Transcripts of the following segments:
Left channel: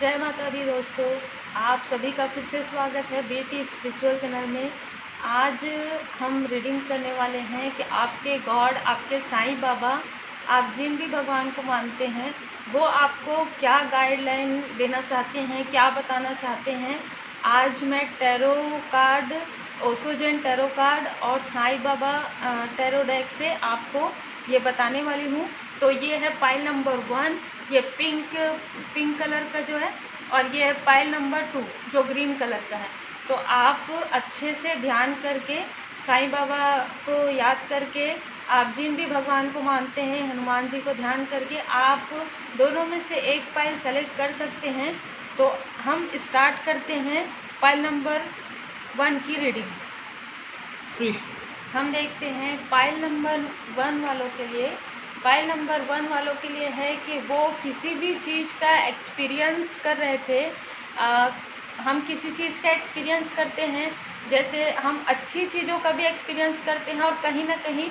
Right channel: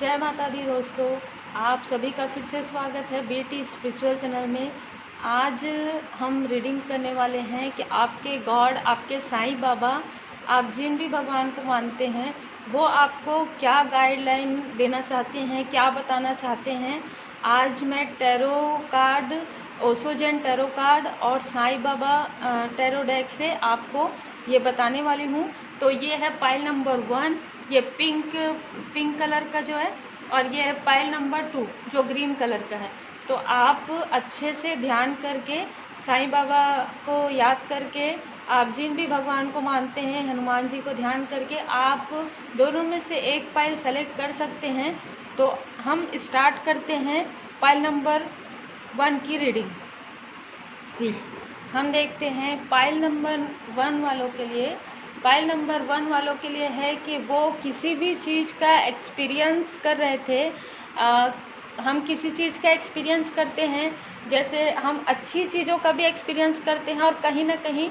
जय माता दी दोस्तों, आप सभी का फिर से स्वागत है बेटी स्पिरिचुअल चैनल में। आज हम रीडिंग करने वाले हैं कि आपके गॉड, आपके साईं बाबा, आप जिन भी भगवान को मानते हैं वो आपको क्या गाइडलाइन देना चाहते हैं, क्या बताना चाहते हैं। आज मैं tarot card, Osho Jain tarot card और साईं बाबा टैरो डेक से आपको ये बताने वाली हूँ। तो ये है पाइल नंबर 1, ये पिंक कलर का जो है, और ये है पाइल नंबर 2 जो ग्रीन कलर का है। तो आप अच्छे से ध्यान करके, साईं बाबा को याद करके, आप जिन भी भगवान को मानते हैं, हनुमान जी को ध्यान करके आप दोनों में से एक पाइल सेलेक्ट कर सकते हैं। तो हम स्टार्ट करते हैं पाइल नंबर 1 की रीडिंग। हम देखते हैं पाइल नंबर 1 वालों के लिए। पाइल नंबर 1 वालों के लिए है कि वो किसी भी चीज़ का एक्सपीरियंस कर रहे थे। हम किसी चीज़ का एक्सपीरियंस करते हैं, जैसे हम अच्छी चीज़ों का भी एक्सपीरियंस करते हैं और कहीं ना कहीं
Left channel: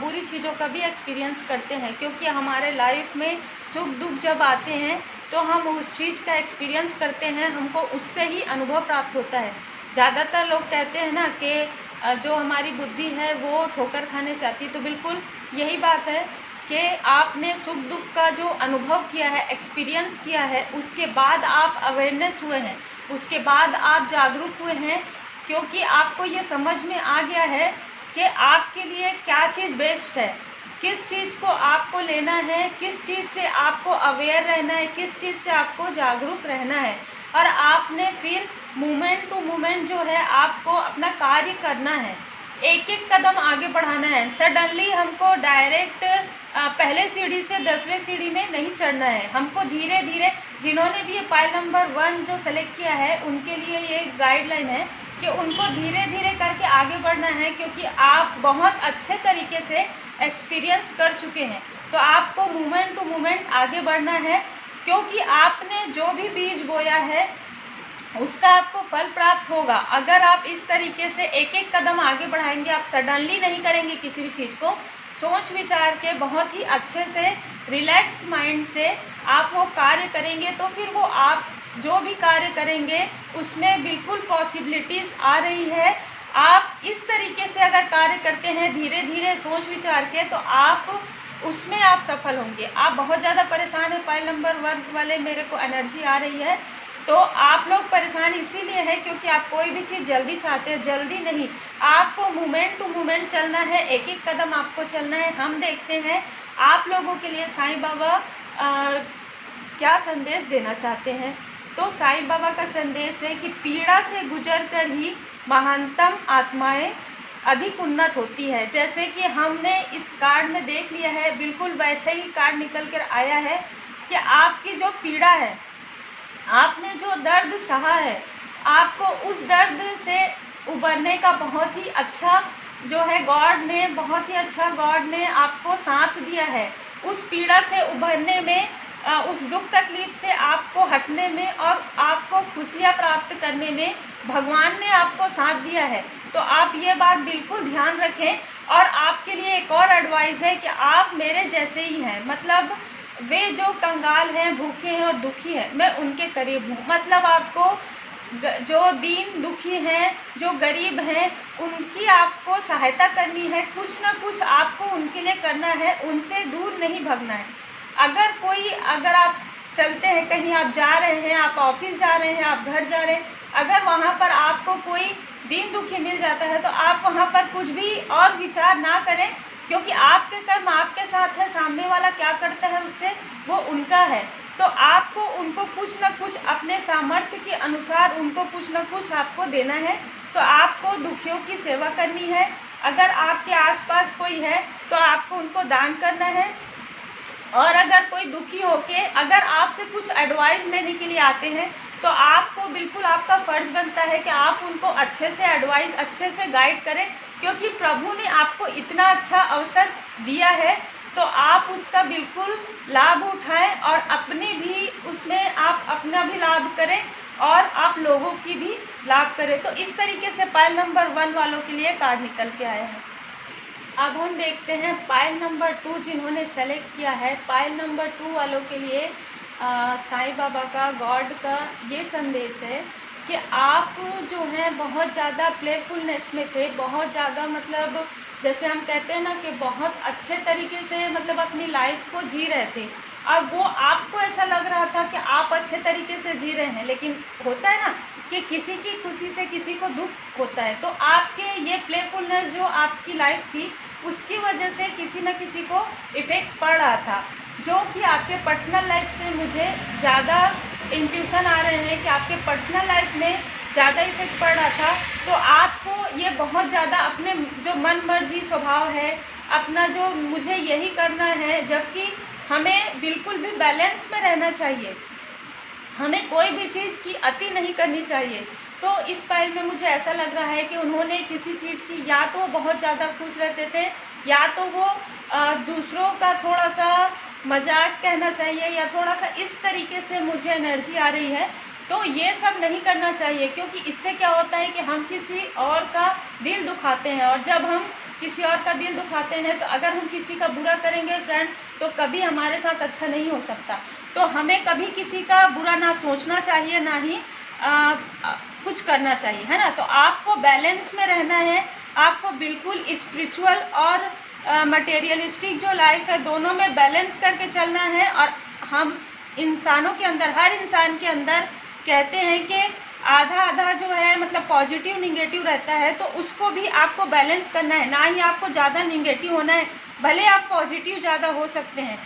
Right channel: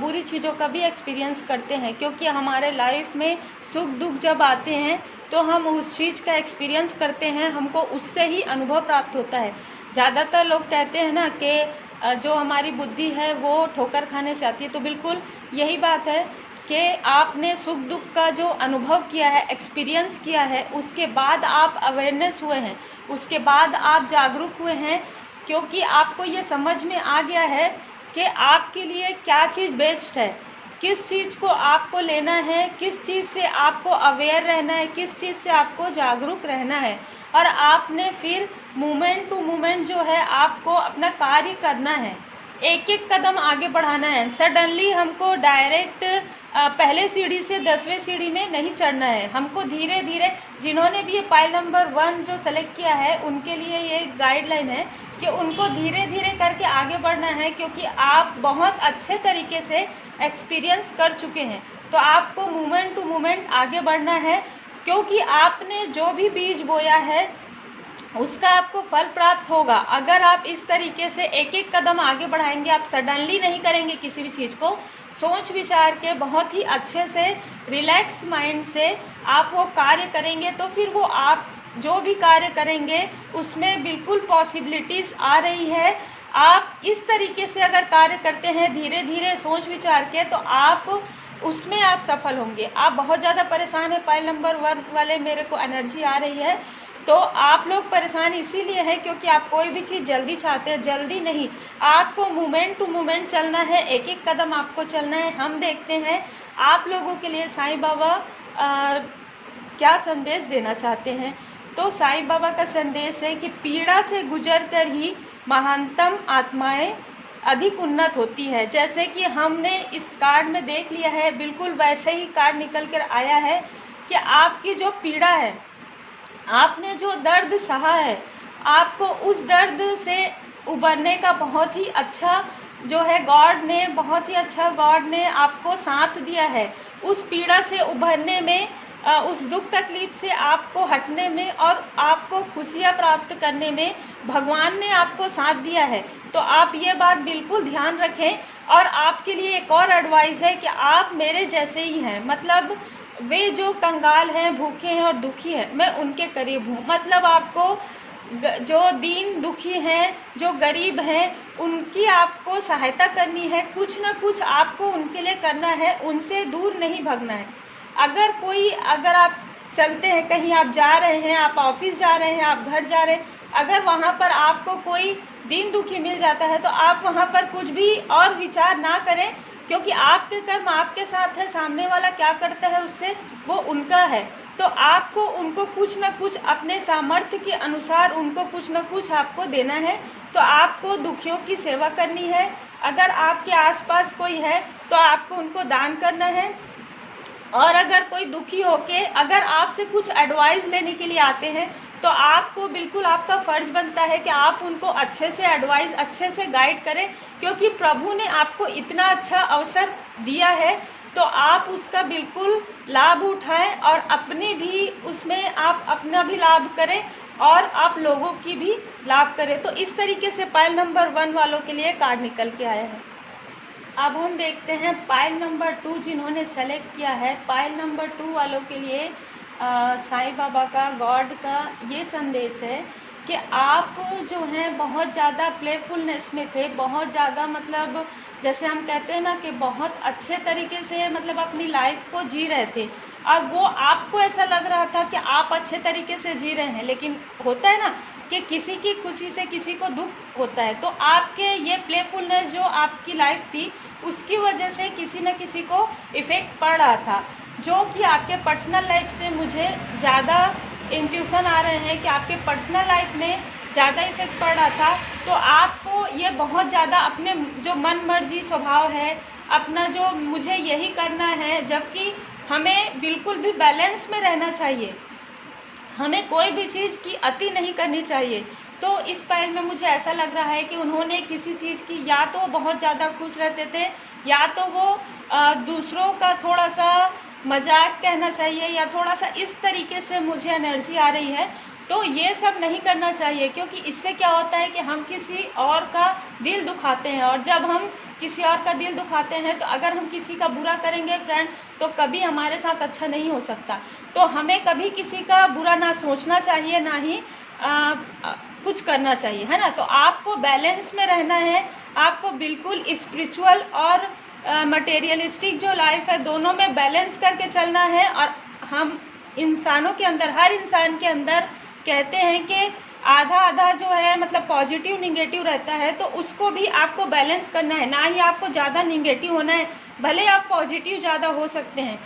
बुरी चीज़ों का भी एक्सपीरियंस करते हैं, क्योंकि हमारे लाइफ में सुख दुख जब आते हैं तो हम उस चीज़ का एक्सपीरियंस करते हैं, हमको उससे ही अनुभव प्राप्त होता है। ज़्यादातर लोग कहते हैं ना कि जो हमारी बुद्धि है वो ठोकर खाने से आती है, तो बिल्कुल यही बात है कि आपने सुख दुख का जो अनुभव किया है, एक्सपीरियंस किया है, उसके बाद आप अवेयरनेस हुए हैं, उसके बाद आप जागरूक हुए हैं, क्योंकि आपको ये समझ में आ गया है कि आपके लिए क्या चीज़ बेस्ट है, किस चीज़ को आपको लेना है, किस चीज़ से आपको अवेयर रहना है, किस चीज़ से आपको जागरूक रहना है। और आपने फिर मोमेंट टू मोमेंट जो है आपको अपना कार्य करना है, एक एक कदम आगे बढ़ाना है। सडनली हमको डायरेक्ट पहले सीढ़ी से 10वें सीढ़ी में नहीं चढ़ना है, हमको धीरे धीरे। जिन्होंने भी ये पाइल नंबर 1 जो सेलेक्ट किया है उनके लिए ये गाइडलाइन है कि उनको धीरे धीरे करके आगे बढ़ना है, क्योंकि आप बहुत अच्छे तरीके से एक्सपीरियंस कर चुके हैं। तो आपको मोमेंट टू मोमेंट आगे बढ़ना है, क्योंकि आपने जो भी बीज बोया है उसका आपको फल प्राप्त होगा। अगर आप इस तरीके से एक एक कदम आगे बढ़ाएंगे, आप सडनली नहीं करेंगे किसी भी चीज़ को, सोच विचार के बहुत ही अच्छे से रिलैक्स माइंड से आप वो कार्य करेंगे, तो फिर वो आप जो भी कार्य करेंगे उसमें बिल्कुल पॉसिबिलिटीज़ आ रही है। आप इस तरीके से अगर कार्य करते हैं धीरे धीरे सोच विचार के, तो आप उसमें आप सफल होंगे। आप बहुत ज़्यादा परेशान है, पाइल नंबर 1 वाले, मेरे को एनर्जी आ रही है। तो आप लोग परेशान इसीलिए है क्योंकि आप कोई भी चीज़ जल्दी चाहते हैं, जल्दी नहीं, आपको मोमेंट टू मोमेंट चलना है, एक एक कदम आपको चलना है। हम देखते हैं आप लोगों के लिए साईं बाबा क्या संदेश देना चाहते हैं। तो साईं बाबा का संदेश है कि पीड़ा से गुजर कर ही महानतम आत्माएं अधिक उन्नत होती है। जैसे कि हमने इस कार्ड में देख लिया है, बिल्कुल वैसे ही कार्ड निकल कर आया है कि आपकी जो पीड़ा है, आपने जो दर्द सहा है, आपको उस दर्द से उबरने का बहुत ही अच्छा जो है गॉड ने, बहुत ही अच्छा गॉड ने आपको साथ दिया है। उस पीड़ा से उभरने में, उस दुख तकलीफ से आपको हटने में और आपको खुशियाँ प्राप्त करने में भगवान ने आपको साथ दिया है। तो आप ये बात बिल्कुल ध्यान रखें। और आपके लिए एक और एडवाइस है कि आप मेरे जैसे ही हैं, मतलब वे जो कंगाल हैं, भूखे हैं और दुखी हैं, मैं उनके करीब हूँ। मतलब आपको जो दीन दुखी हैं, जो गरीब हैं, उनकी आपको सहायता करनी है, कुछ ना कुछ आपको उनके लिए करना है, उनसे दूर नहीं भागना है। अगर आप चलते हैं, कहीं आप जा रहे हैं, आप ऑफिस जा रहे हैं, आप घर जा रहे हैं, अगर वहाँ पर आपको कोई दीन दुखी मिल जाता है तो आप वहाँ पर कुछ भी और विचार ना करें, क्योंकि आपके कर्म आपके साथ है, सामने वाला क्या करता है उससे वो उनका है। तो आपको उनको कुछ ना कुछ अपने सामर्थ्य के अनुसार उनको कुछ ना कुछ आपको देना है। तो आपको दुखियों की सेवा करनी है। अगर आपके आसपास कोई है तो आपको उनको दान करना है। और अगर कोई दुखी होके अगर आपसे कुछ एडवाइस लेने के लिए आते हैं तो आपको बिल्कुल, आपका फर्ज बनता है कि आप उनको अच्छे से एडवाइस, अच्छे से गाइड करें, क्योंकि प्रभु ने आपको इतना अच्छा अवसर दिया है, तो आप उसका बिल्कुल लाभ उठाएं और अपनी भी उसमें आप अपना भी लाभ करें और आप लोगों की भी लाभ करें। तो इस तरीके से पाइल नंबर 1 वालों के लिए कार्ड निकल के आया है। अब हम देखते हैं पाइल नंबर 2 जिन्होंने सेलेक्ट किया है। पाइल नंबर 2 वालों के लिए साईं बाबा का, गॉड का ये संदेश है कि आप जो है बहुत ज़्यादा प्लेफुलनेस में थे, बहुत ज़्यादा मतलब जैसे हम कहते हैं ना कि बहुत अच्छे तरीके से मतलब अपनी लाइफ को जी रहे थे। अब वो आपको ऐसा लग रहा था कि आप अच्छे तरीके से जी रहे हैं, लेकिन होता है ना कि किसी की खुशी से किसी को दुख होता है। तो आपके ये प्लेफुलनेस जो आपकी लाइफ थी उसकी वजह से किसी न किसी को इफ़ेक्ट पड़ रहा था, जो कि आपके पर्सनल लाइफ से मुझे ज़्यादा इंट्यूशन आ रहे हैं कि आपके पर्सनल लाइफ में ज़्यादा इफेक्ट पड़ रहा था। तो आपको ये बहुत ज़्यादा अपने जो मन मर्जी स्वभाव है, अपना जो मुझे यही करना है, जबकि हमें बिल्कुल भी बैलेंस में रहना चाहिए, हमें कोई भी चीज़ की अति नहीं करनी चाहिए। तो इस फाइल में मुझे ऐसा लग रहा है कि उन्होंने किसी चीज़ की, या तो बहुत ज़्यादा खुश रहते थे, या तो वो दूसरों का थोड़ा सा मजाक कहना चाहिए, या थोड़ा सा इस तरीके से मुझे एनर्जी आ रही है। तो ये सब नहीं करना चाहिए, क्योंकि इससे क्या होता है कि हम किसी और का दिल दुखाते हैं, और जब हम किसी और का दिल दुखाते हैं तो अगर हम किसी का बुरा करेंगे फ्रेंड, तो कभी हमारे साथ अच्छा नहीं हो सकता। तो हमें कभी किसी का बुरा ना सोचना चाहिए, ना ही कुछ करना चाहिए, है ना। तो आपको बैलेंस में रहना है, आपको बिल्कुल स्पिरिचुअल और मटेरियलिस्टिक जो लाइफ है दोनों में बैलेंस करके चलना है। और हम इंसानों के अंदर, हर इंसान के अंदर कहते हैं कि आधा आधा जो है मतलब पॉजिटिव निगेटिव रहता है, तो उसको भी आपको बैलेंस करना है, ना ही आपको ज़्यादा निगेटिव होना है, भले आप पॉजिटिव ज़्यादा हो सकते हैं।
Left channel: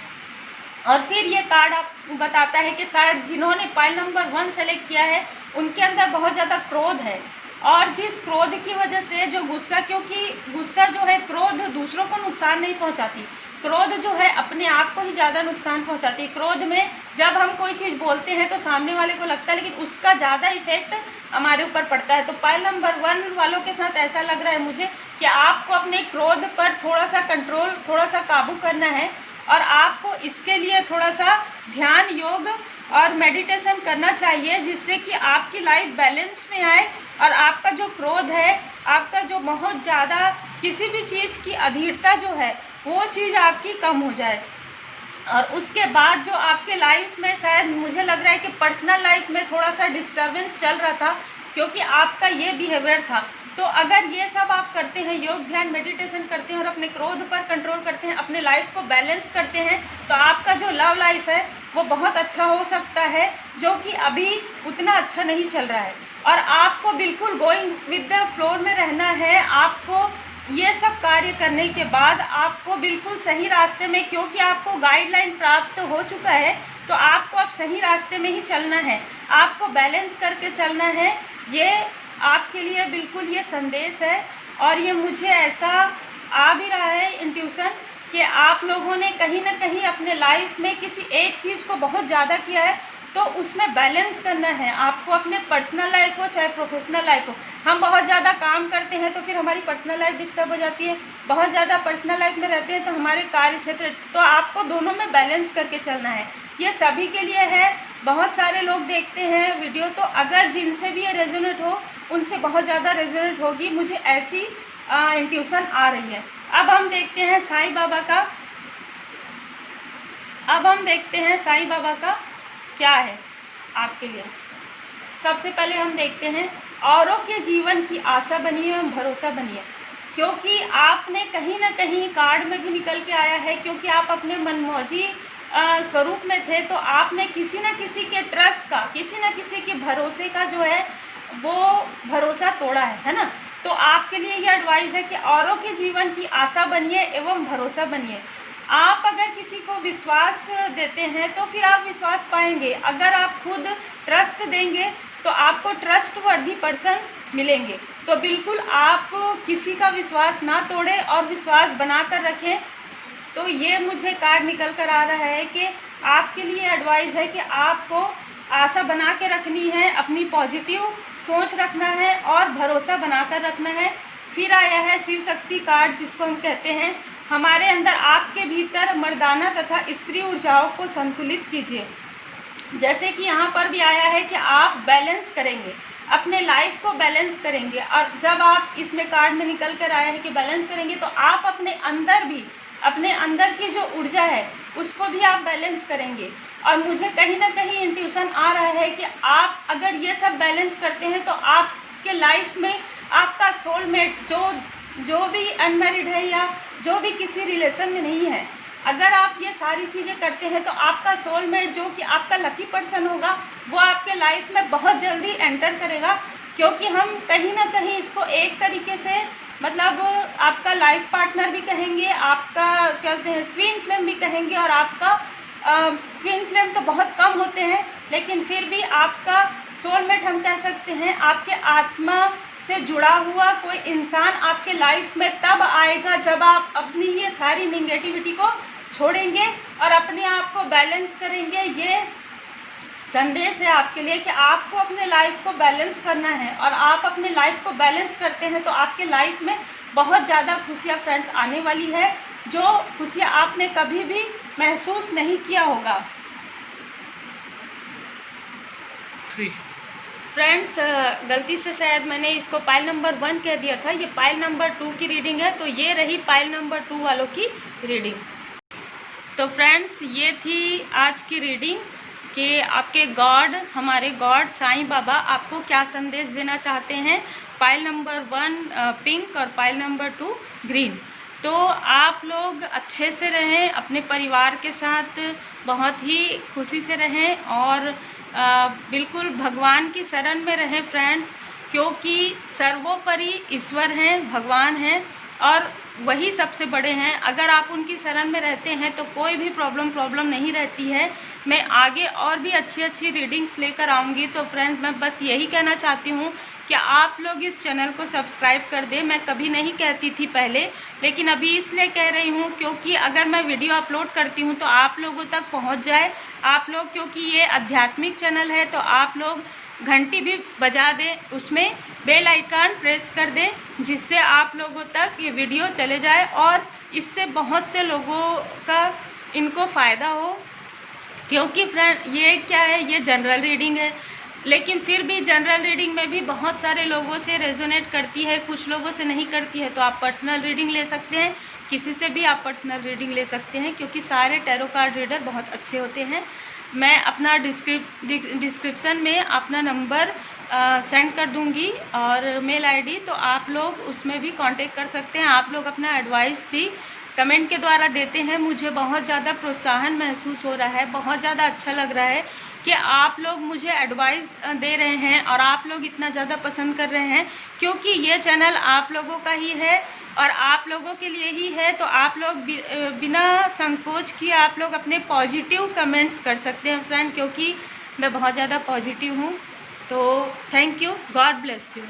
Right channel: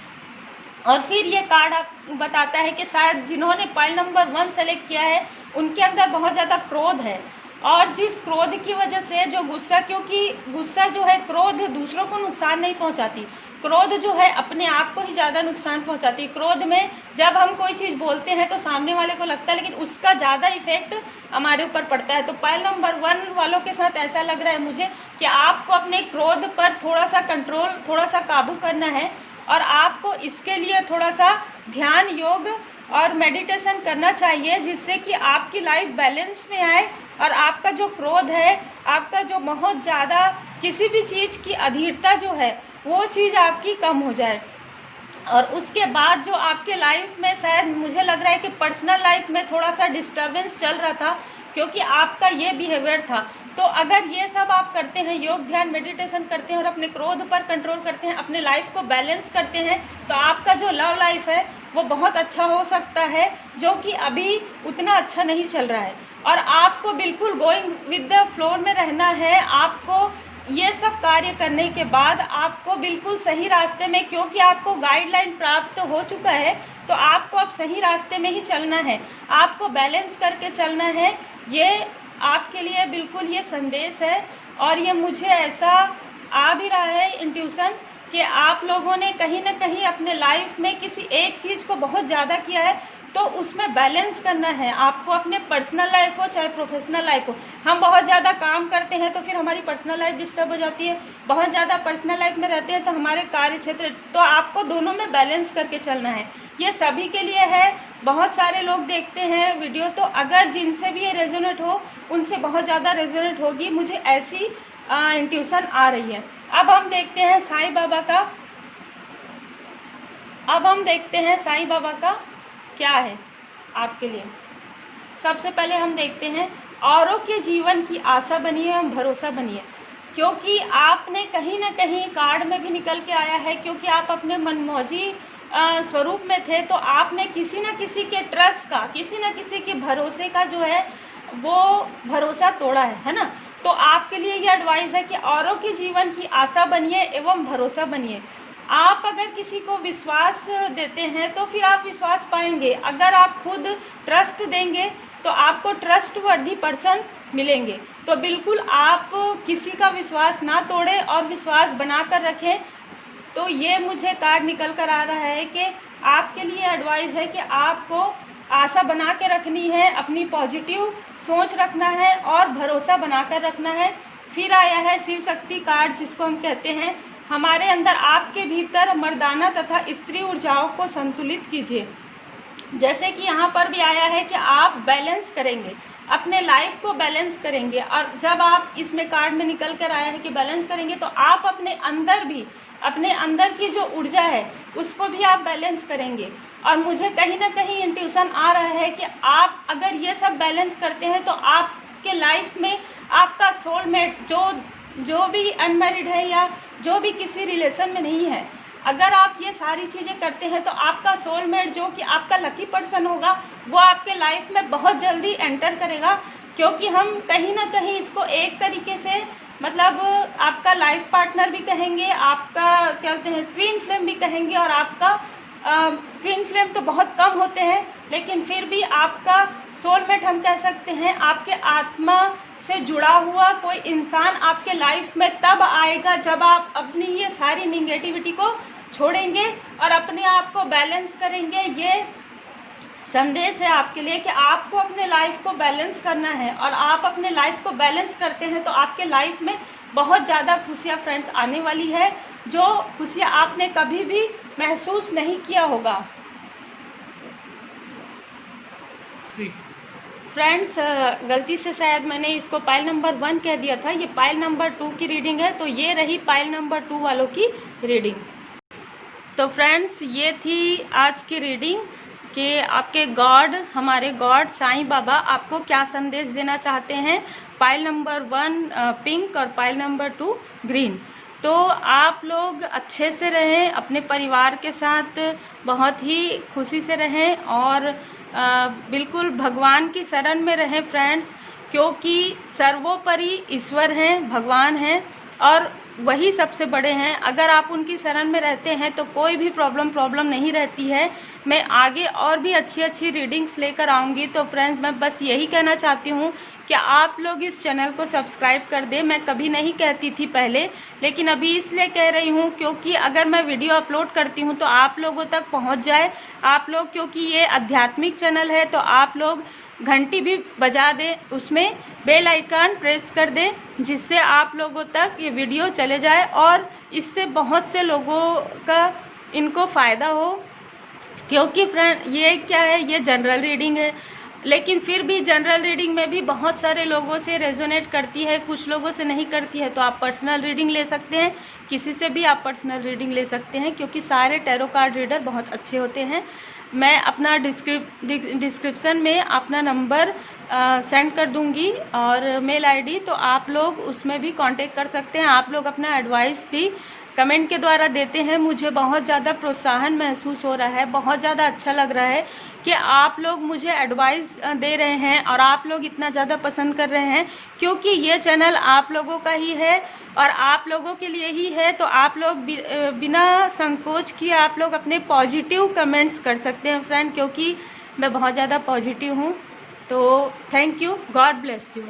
और फिर ये कार्ड आप बताता है कि शायद जिन्होंने पाइल नंबर 1 सेलेक्ट किया है उनके अंदर बहुत ज़्यादा क्रोध है, और जिस क्रोध की वजह से जो गुस्सा, क्योंकि गुस्सा जो है, क्रोध दूसरों को नुकसान नहीं पहुंचाती, क्रोध जो है अपने आप को ही ज़्यादा नुकसान पहुंचाती है। क्रोध में जब हम कोई चीज़ बोलते हैं तो सामने वाले को लगता है, लेकिन उसका ज़्यादा इफेक्ट हमारे ऊपर पड़ता है। तो पाइल नंबर 1 वालों के साथ ऐसा लग रहा है मुझे कि आपको अपने क्रोध पर थोड़ा सा कंट्रोल, थोड़ा सा काबू करना है, और आपको इसके लिए थोड़ा सा ध्यान, योग और मेडिटेशन करना चाहिए, जिससे कि आपकी लाइफ बैलेंस में आए, और आपका जो क्रोध है, आपका जो बहुत ज़्यादा किसी भी चीज़ की अधीरता जो है, वो चीज़ आपकी कम हो जाए। और उसके बाद जो आपके लाइफ में शायद मुझे लग रहा है कि पर्सनल लाइफ में थोड़ा सा डिस्टर्बेंस चल रहा था, क्योंकि आपका ये बिहेवियर था। तो अगर ये सब आप करते हैं, योग ध्यान मेडिटेशन करते हैं और अपने क्रोध पर कंट्रोल करते हैं, अपने लाइफ को बैलेंस करते हैं, तो आपका जो लव लाइफ है वो बहुत अच्छा हो सकता है, जो कि अभी उतना अच्छा नहीं चल रहा है। और आपको बिल्कुल गोइंग विद द फ्लो में रहना है। आपको ये सब कार्य करने के बाद आपको बिल्कुल सही रास्ते में, क्योंकि आपको गाइडलाइन प्राप्त हो चुका है, तो आपको अब सही रास्ते में ही चलना है, आपको बैलेंस करके चलना है। ये आपके लिए बिल्कुल ये संदेश है। और ये मुझे ऐसा आ भी रहा है इंट्यूशन कि आप लोगों ने कहीं ना कहीं अपने लाइफ में किसी एक चीज़ को बहुत ज़्यादा किया है, तो उसमें बैलेंस करना है आपको, अपने पर्सनल लाइफ हो चाहे प्रोफेशनल लाइफ हो। हम बहुत ज़्यादा काम करते हैं तो फिर हमारी पर्सनल लाइफ डिस्टर्ब हो जाती है, बहुत ज़्यादा पर्सनल लाइफ में रहते हैं तो हमारे कार्य क्षेत्र, तो आपको दोनों में बैलेंस करके चलना है। ये सभी के लिए है, बहुत सारे लोग देखते हैं वीडियो, तो अगर जिनसे भी ये रेजोनेट हो उनसे बहुत ज़्यादा रेजोनेट होगी, मुझे ऐसी इंट्यूशन आ रही है। अब हम देखते हैं साईं बाबा का, साईं बाबा का क्या है आपके लिए। सबसे पहले हम देखते हैं, औरों के जीवन की आशा बनिए और भरोसा बनिए, क्योंकि आपने कहीं ना कहीं कार्ड में भी निकल के आया है, क्योंकि आप अपने मनमौजी स्वरूप में थे, तो आपने किसी न किसी के ट्रस्ट का, किसी न किसी के भरोसे का जो है वो भरोसा तोड़ा है ना। तो आपके लिए ये एडवाइस है कि औरों के जीवन की आशा बनिए एवं भरोसा बनिए। आप अगर किसी को विश्वास देते हैं तो फिर आप विश्वास पाएंगे, अगर आप खुद ट्रस्ट देंगे तो आपको ट्रस्ट वर्दी पर्सन मिलेंगे। तो बिल्कुल आप किसी का विश्वास ना तोड़ें और विश्वास बना कर रखें। तो ये मुझे कार्ड निकल कर आ रहा है कि आपके लिए एडवाइस है कि आपको आशा बना के रखनी है, अपनी पॉजिटिव सोच रखना है और भरोसा बना कर रखना है। फिर आया है शिव शक्ति कार्ड, जिसको हम कहते हैं हमारे अंदर, आपके भीतर मर्दाना तथा स्त्री ऊर्जाओं को संतुलित कीजिए। जैसे कि यहाँ पर भी आया है कि आप बैलेंस करेंगे, अपने लाइफ को बैलेंस करेंगे, और जब आप इसमें कार्ड में निकल कर आया है कि बैलेंस करेंगे, तो आप अपने अंदर भी, अपने अंदर की जो ऊर्जा है उसको भी आप बैलेंस करेंगे। और मुझे कहीं ना कहीं इंट्यूशन आ रहा है कि आप अगर ये सब बैलेंस करते हैं तो आपके लाइफ में आपका सोलमेट जो भी अनमैरिड है या जो भी किसी रिलेशन में नहीं है, अगर आप ये सारी चीज़ें करते हैं तो आपका सोलमेट जो कि आपका लकी पर्सन होगा वो आपके लाइफ में बहुत जल्दी एंटर करेगा। क्योंकि हम कहीं ना कहीं इसको एक तरीके से मतलब आपका लाइफ पार्टनर भी कहेंगे, आपका क्या कहते हैं ट्विन फ्लेम भी कहेंगे, और आपका ट्विन फ्लेम तो बहुत कम होते हैं लेकिन फिर भी आपका सोलमेट हम कह सकते हैं। आपके आत्मा से जुड़ा हुआ कोई इंसान आपके लाइफ में तब आएगा जब आप अपनी ये सारी निगेटिविटी को छोड़ेंगे और अपने आप को बैलेंस करेंगे। ये संदेश है आपके लिए कि आपको अपने लाइफ को बैलेंस करना है, और आप अपने लाइफ को बैलेंस करते हैं तो आपके लाइफ में बहुत ज़्यादा खुशियाँ फ्रेंड्स आने वाली है, जो खुशियाँ आपने कभी भी महसूस नहीं किया होगा। फ्रेंड्स गलती से शायद मैंने इसको पाइल नंबर 1 कह दिया था, ये पाइल नंबर 2 की रीडिंग है, तो ये रही पाइल नंबर 2 वालों की रीडिंग। तो फ्रेंड्स ये थी आज की रीडिंग कि आपके गॉड, हमारे गॉड साईं बाबा आपको क्या संदेश देना चाहते हैं। पाइल नंबर 1 पिंक और पाइल नंबर 2 ग्रीन। तो आप लोग अच्छे से रहें, अपने परिवार के साथ बहुत ही खुशी से रहें और बिल्कुल भगवान की शरण में रहें फ्रेंड्स, क्योंकि सर्वोपरि ईश्वर हैं, भगवान हैं और वही सबसे बड़े हैं। अगर आप उनकी शरण में रहते हैं तो कोई भी प्रॉब्लम नहीं रहती है। मैं आगे और भी अच्छी रीडिंग्स लेकर आऊँगी। तो फ्रेंड्स मैं बस यही कहना चाहती हूँ कि आप लोग इस चैनल को सब्सक्राइब कर दें। मैं कभी नहीं कहती थी पहले, लेकिन अभी इसलिए कह रही हूँ क्योंकि अगर मैं वीडियो अपलोड करती हूँ तो आप लोगों तक पहुँच जाए। आप लोग, क्योंकि ये आध्यात्मिक चैनल है, तो आप लोग घंटी भी बजा दें, उसमें बेल आइकन प्रेस कर दें, जिससे आप लोगों तक ये वीडियो चले जाए और इससे बहुत से लोगों का इनको फ़ायदा हो। क्योंकि फ्रेंड ये क्या है, ये जनरल रीडिंग है, लेकिन फिर भी जनरल रीडिंग में भी बहुत सारे लोगों से रेजोनेट करती है, कुछ लोगों से नहीं करती है। तो आप पर्सनल रीडिंग ले सकते हैं, किसी से भी आप पर्सनल रीडिंग ले सकते हैं, क्योंकि सारे टैरो कार्ड रीडर बहुत अच्छे होते हैं। मैं अपना डिस्क्रिप्शन में अपना नंबर सेंड कर दूंगी और मेल आईडी, तो आप लोग उसमें भी कांटेक्ट कर सकते हैं। आप लोग अपना एडवाइस भी कमेंट के द्वारा देते हैं। मुझे बहुत ज़्यादा प्रोत्साहन महसूस हो रहा है, बहुत ज़्यादा अच्छा लग रहा है कि आप लोग मुझे एडवाइस दे रहे हैं और आप लोग इतना ज़्यादा पसंद कर रहे हैं, क्योंकि ये चैनल आप लोगों का ही है और आप लोगों के लिए ही है। तो आप लोग बिना संकोच किए आप लोग अपने पॉजिटिव कमेंट्स कर सकते हैं फ्रेंड, क्योंकि मैं बहुत ज़्यादा पॉजिटिव हूँ। तो thank you, God bless you.